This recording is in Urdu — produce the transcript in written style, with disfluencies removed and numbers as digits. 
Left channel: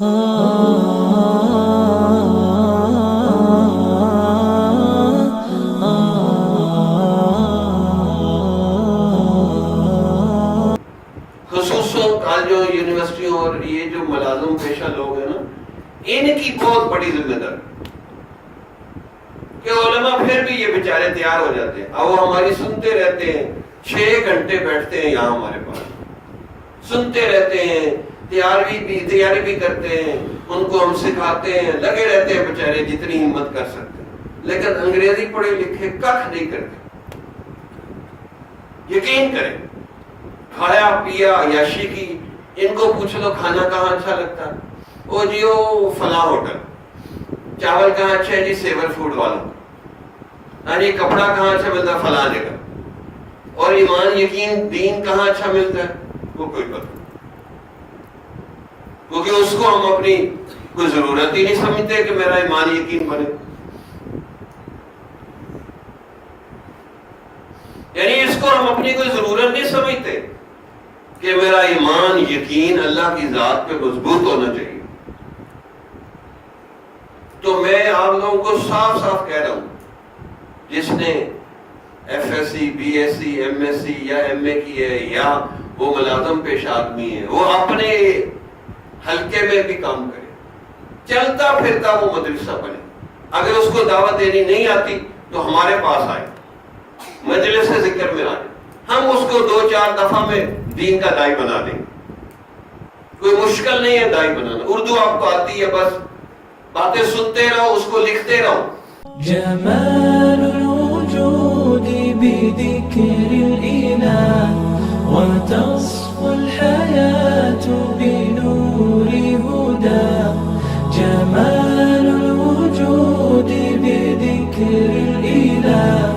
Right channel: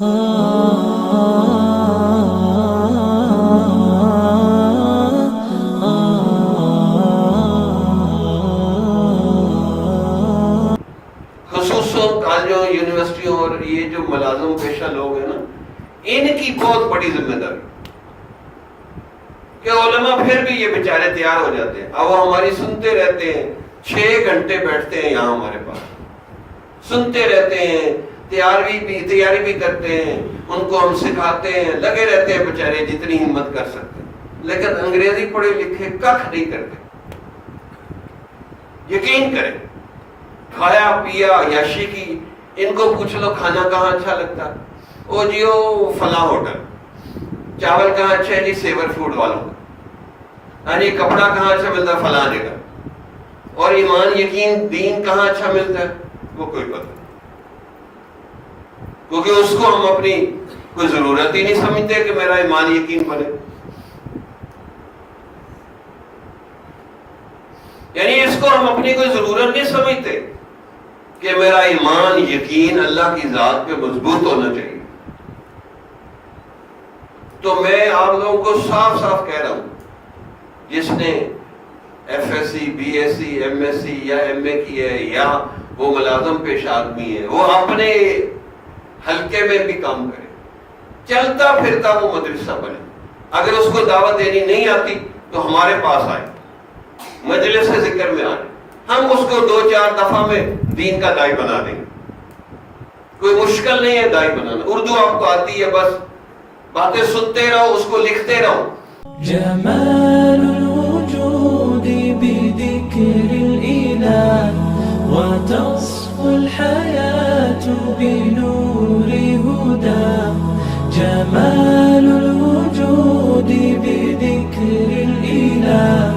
خصوصاً کالجوں یونیورسٹیوں اور یہ جو ملازم پیشہ لوگ ہیں نا، ان کی بہت بڑی ذمہ داری کہ علماء پھر بھی یہ بیچارے تیار ہو جاتے ہیں، اب وہ ہماری سنتے رہتے ہیں، 6 گھنٹے بیٹھتے ہیں یہاں ہمارے پاس، سنتے رہتے ہیں، تیاری بھی کرتے ہیں، ان کو ہم سکھاتے ہیں، لگے رہتے ہیں بیچارے جتنی ہمت کر سکتے ہیں، لیکن انگریزی پڑھے لکھے کخ نہیں کرتے۔ یقین کریں، کھایا پیا عیاشی کی، ان کو پوچھ لو کھانا کہاں اچھا لگتا ہے، وہ جی وہ فلاں ہوٹل، چاول کہاں اچھا ہے جی سیور فوڈ والوں، ہاں جی کپڑا کہاں اچھا ملتا ہے فلاں جگہ، اور ایمان یقین دین کہاں اچھا ملتا ہے وہ کوئی پتہ نہیں، کیونکہ اس کو ہم اپنی کوئی ضرورت ہی نہیں سمجھتے کہ میرا ایمان یقین بنے۔ یعنی اس کو ہم اپنی کوئی ضرورت نہیں سمجھتے کہ میرا ایمان یقین اللہ کی ذات پہ مضبوط ہونا چاہیے۔ تو میں آپ لوگوں کو صاف صاف کہہ رہا ہوں، جس نے F S C, B S C, M S C یا ایم اے کی ہے، یا وہ ملازم پیش آدمی ہے، وہ اپنے حلقے میں بھی کام کرے، چلتا پھرتا وہ مدرسہ بنے۔ اگر اس کو دعوت دینی نہیں آتی تو ہمارے پاس آئے، مجلس ذکر میں آئے، ہم اس کو 2-4 دفعہ میں دین کا دائی بنا دیں گے۔ کوئی مشکل نہیں ہے دائی بنانا، اردو آپ کو آتی ہے، بس باتیں سنتے رہو، اس کو لکھتے رہو۔ جمال الوجود بذكر الإله وتصفو الحياة بنور هدى، جمال الوجود بذكر الإله